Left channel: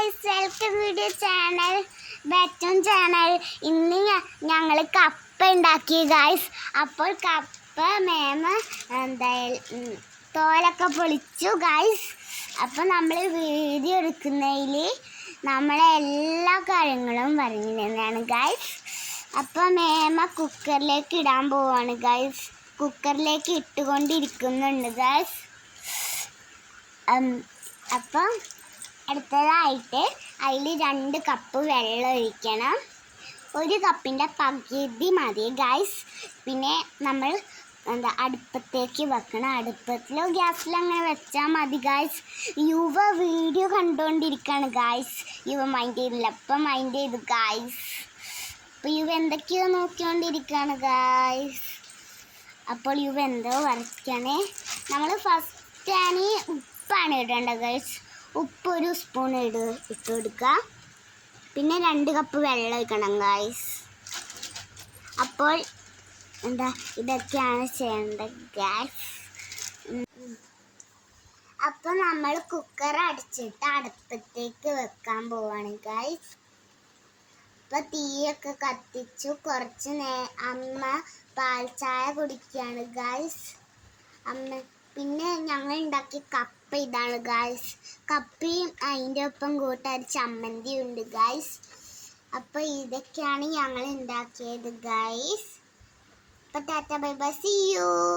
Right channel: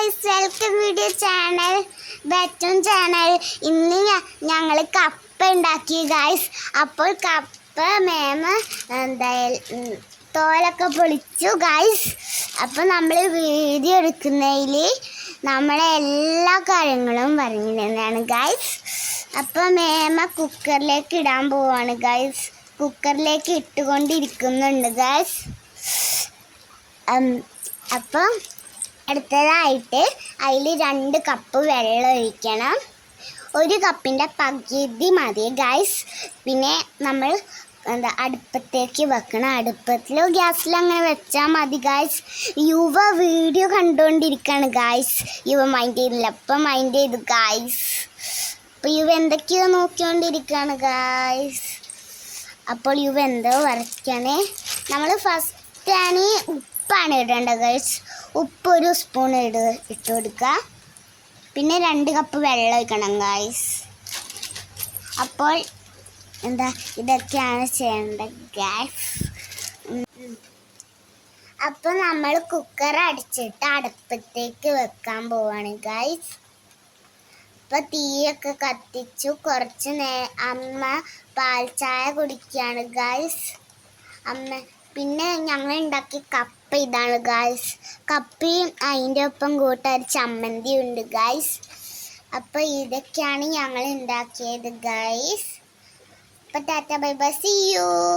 Guys, welcome video channel ബെറ്റൺ channel. ഇന്ന് ഞങ്ങൾ കപ്പ ഉണ്ടാക്കി ഗൈസ്. അപ്പോൾ കപ്പ എന്തായാലും തോലൊക്കെ പൊളിച്ചു ഗൈസ്. അപ്പോൾ നമ്മൾ വീഡിയോ എടുക്കുന്നതിൽ നമ്മളെ എല്ലാ കാര്യങ്ങളും പറഞ്ഞിരുന്നതാണ് ഗൈസ്. അപ്പോൾ കുക്കറിലേക്ക് ഇടാൻ പോവാണ് ഗൈസ്. കുക്കറിലേക്ക് ഇട്ടുകൊണ്ടിരിക്കുന്നുണ്ട് ഗൈസ്. അപ്പം അടുത്തതായിട്ട് അതിൽ 2 കപ്പ് വെള്ളം ഒഴിക്കണം. 1 കപ്പിൻ്റെ പകുതി മതി ഗൈസ്. പിന്നെ നമ്മൾ അടുപ്പത്തേക്ക് വെക്കണം. അടുപ്പത്തിലോ ഗ്യാസിലോ അങ്ങനെ വെച്ചാൽ മതി ഗൈസ്. യുവ വീഡിയോ കണ്ടുകൊണ്ടിരിക്കുകയാണ് ഗൈസ്. യുവ മൈൻഡ് ചെയ്തില്ല, അപ്പം മൈൻഡ് ചെയ്തു ഗൈസ്. അപ്പോൾ യുവ എന്തൊക്കെയോ നോക്കിക്കൊണ്ടിരിക്കുകയാണ് ഗൈസ്. അപ്പോൾ യുവ എന്തോ വരയ്ക്കാണ്. നമ്മൾ ഫസ്റ്റാണ് ഉപ്പാണ് ഇടേണ്ടത് ഗൈസ്. ഉപ്പ് 1 സ്പൂൺ ഇട്ട് കൊടുക്കുക. പിന്നെ 2 കപ്പ് വെള്ളം ഒഴിക്കണം ഗൈസ്. അപ്പോൾ ഇതൊക്കെയാണ് ചെയ്യേണ്ടത് ഗൈസ്. അപ്പോൾ നമ്മൾ കുക്കർ അടിച്ചിട്ട് അടുപ്പത്തേക്ക് വെക്കാൻ പോവാണ് ഗൈസ്. അപ്പോൾ തീയൊക്കെ കത്തിച്ചു. കുറച്ച് അമ്മ പാൽ ചായ കുടിക്കുകയാണ് ഗൈസ്. പിന്നെ ഞങ്ങൾ ഉണ്ടാക്കിയ കപ്പ ഇതാണ് ഗൈസ്. കപ്പയും അതിൻ്റെ ഒപ്പം കൂട്ടാൻ ചമ്മന്തി ഉണ്ട് ഗൈസ്. അപ്പോൾ ഇതൊക്കെയാണ് ഞങ്ങൾ ഉണ്ടാക്കിയത് ഗൈസ്. അപ്പോൾ tata bye bye, see U.